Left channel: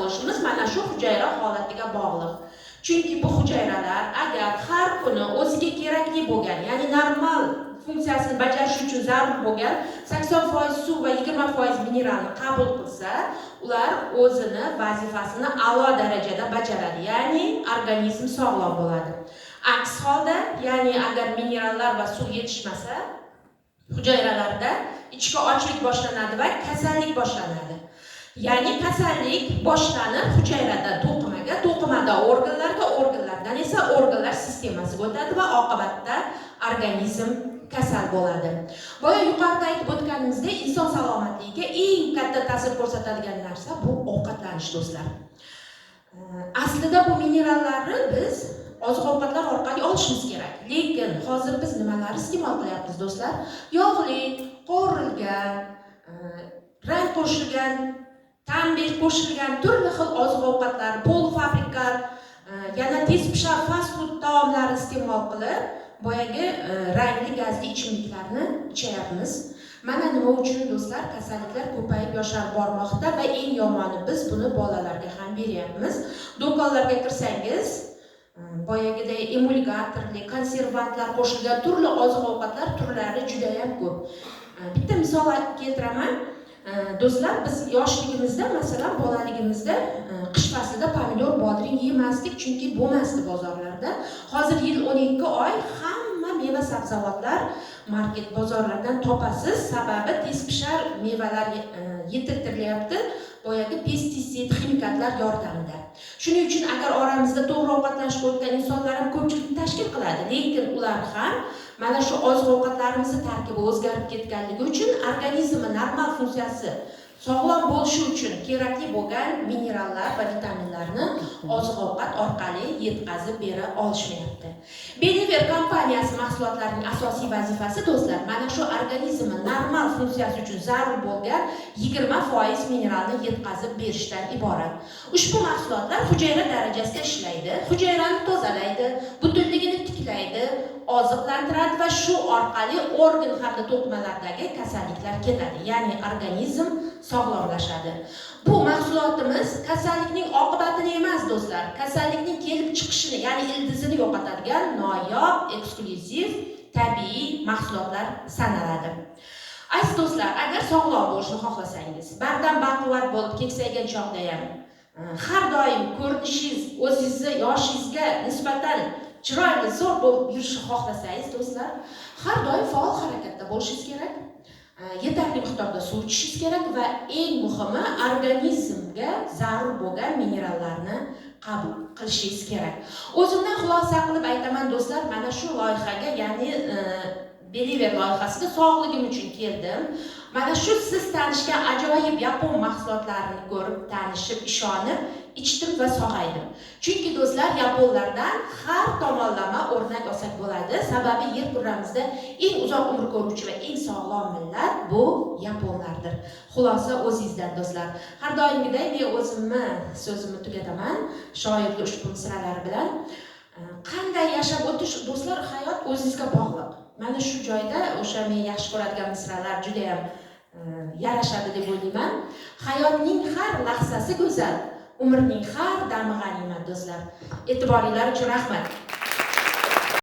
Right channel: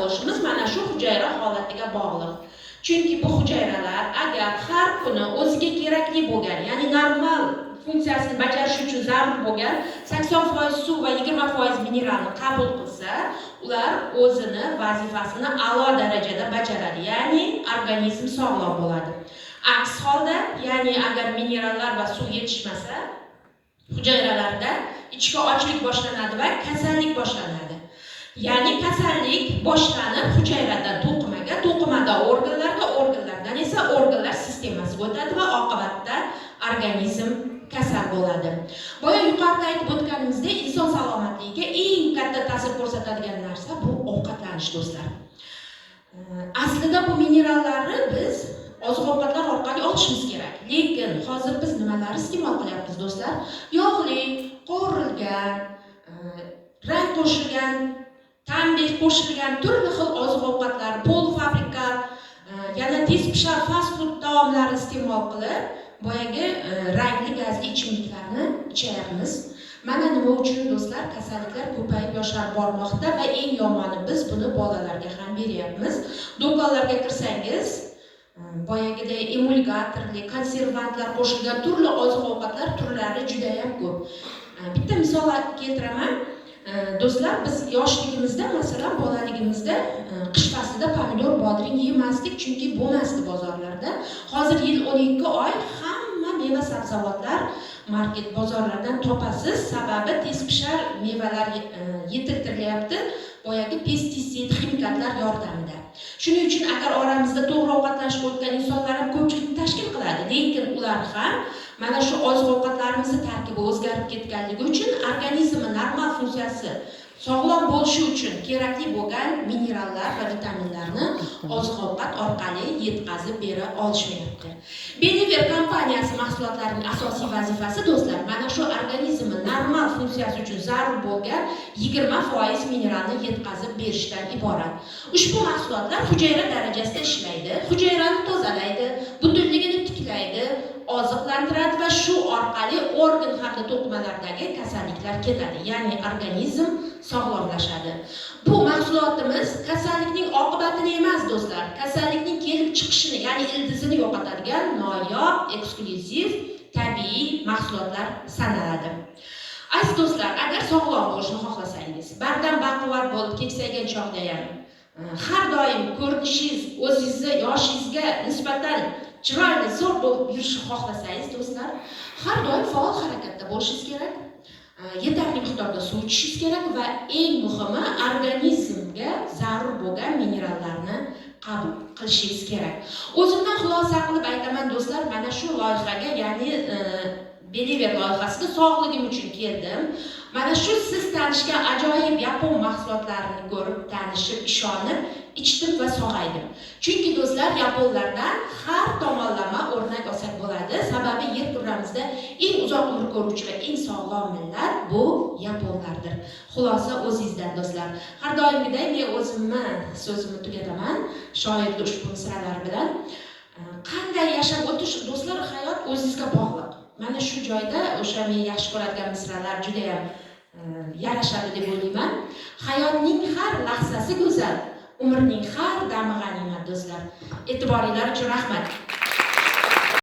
bo'lishimiz mana shu hujayra holatiga bog'liq. Chunki bu hujayralar agar har kuni o'ziga kerakli bo'lgan, ya'ni normal funksiyasini bajarish uchun zarur bo'lgan 80% suv va 20% mineralni qabul qilsa, ular o'zini vazifasini a'lo darajada bajaradi, ya'ni organizm sog'lom bo'ladi. Aks holda, ya'ni agar minerallar va suv yetishmasa, hujayralarda ichki ochlik boshlanadi va kasallik boshlanadi. Ya'ni kasallik boshlanib hujayrada to'qimaga, to'qimada organlarga, organlardan esa organlar sistemasiga o'tadi va oqibatda organizm kasal bo'ladi. Boya yuqorida aytib o'tganimizdek, inson salomatligiga eng katta ta'sir ko'rsatadigan narsa bu ovqatlanish, do'stlar. Aslida bu minerallarni biz oziq-ovqatlar orqali olishimiz kerak. Lekin hozir biz nimalar iste'mol qilyapmiz, do'stlar? Yog'li, qovurilgan, rang qo'shilgan, ta'mga qo'shilgan turli xil oziq-ovqatlar, polfabrikat, yana tez pishar fast food taomlarini iste'mol qilib, boyagi rangli gazli ichimliklarni ichyapmiz. Mana nima uchun, do'stlar, kasalliklar ko'payib yosharib bormoqda va eng yomoni biz buni bolalarga ham beryapmiz. Do'konlarga kirsangiz, boyagiday emulgatorli, konservantlar qo'shilgan turli oziq-ovqatlar turlari juda ham ko'p. Bitta misol keltiraman. Do'stlar, biz yoshligimizda, masalan, bolaligimizda qish faslida pomidor, bodring yemasdik, chunki bo'lmasdi bozorlarda. Hozir yil 12 oy hamma meva sabzavotlar market bozorlardan topasiz, sababi tez pishar mevalar yetiltirilyapti, boyagi pestisid, ximikatlar yordamida. Shuning uchun agar oramizda to'g'ri ovqatlanishga o'tgan insonlar ham ko'pchilikni tashkil qiladi, lekin ular ham mana shu oziq-ovqatlarimizni tarkibi o'zgarib ketganligi uchun organizmi normal funksiyasi sog'lom bo'lishi uchun kerakli bo'lgan minerallar va vitaminlarni oziq-ovqat orqali yetkazib bera olishmayapti. Beliver kompaniyasi mahsulotlarining asosiy vazifasi, do'stlar, mana shu organizmni normal funksiyasi uchun zarur bo'lgan 20% mineralni yetkazib berishdan iborat. Ushbu mahsulotlar hujayra darajasida ishlaydi, hujayrani tozalaydi, butunligini tiklaydi, oziqlantiradi va shu orqali organ hamda to'qimalardagi kasalliklar ketadi, ya'ni organizm sog'lomlashadi. Bu mahsulotimiz kasallikning oqibatini emas, do'stlar, kasallikning kelib chiqishini, ya'ni ildizini yo'qotadigan noyob, eksklyuziv, tabiiy mahsulotlar sanaladi. Aziz do'stlar, agar sog'lom bo'lishni xohlasangiz, bardam baquvvat bo'lib keksaygan chog'da ham har doim ko'rinishingiz o'zingizni yoshingizga nisbatan chiroyli, zo'r bo'lib yurishni xohlasangiz, do'stlar, har doim faol harakatda bo'lishingiz kerak. Yetarli miqdorda suv ichishingiz kerak va eng muhimi organizmga zarur bo'lgan minerallarni qabul qilishingiz kerak. O'zimdan xulosa qilib aytaman, do'stlar, mana shu loyihaga, ya'ni Beliver loyihasiga sog'ligim uchun keldim. Mana shu siz tanishgan ajoyib yapon mahsulotlarini ko'rib, tanishib, ishonib, ichdim va sog'aydim. Chunki do'stlar, yaponlardan har tomonlama o'rnak olsak bo'ladi. Sababi yer kurramizda eng uzoq umr ko'ruvchi va eng sog'lom millat bu yaponlardir. Xulosa o'zingizdan, do'stlar. Har doimgidek men o'zimni so'zimni tugataman shoirning ushbu misralari bilan. Qanday yashab o'tish, do'stlar, hayot o'zingizga bog'liq. Mana shu joyda o'sha men yaxshi ko'radigan misralar juda ham yarashadi deb o'ylayman. Hayotning har lahzasi go'zal, umrning har dami g'animat, do'stlar. E'tiboringlar uchun rahmat.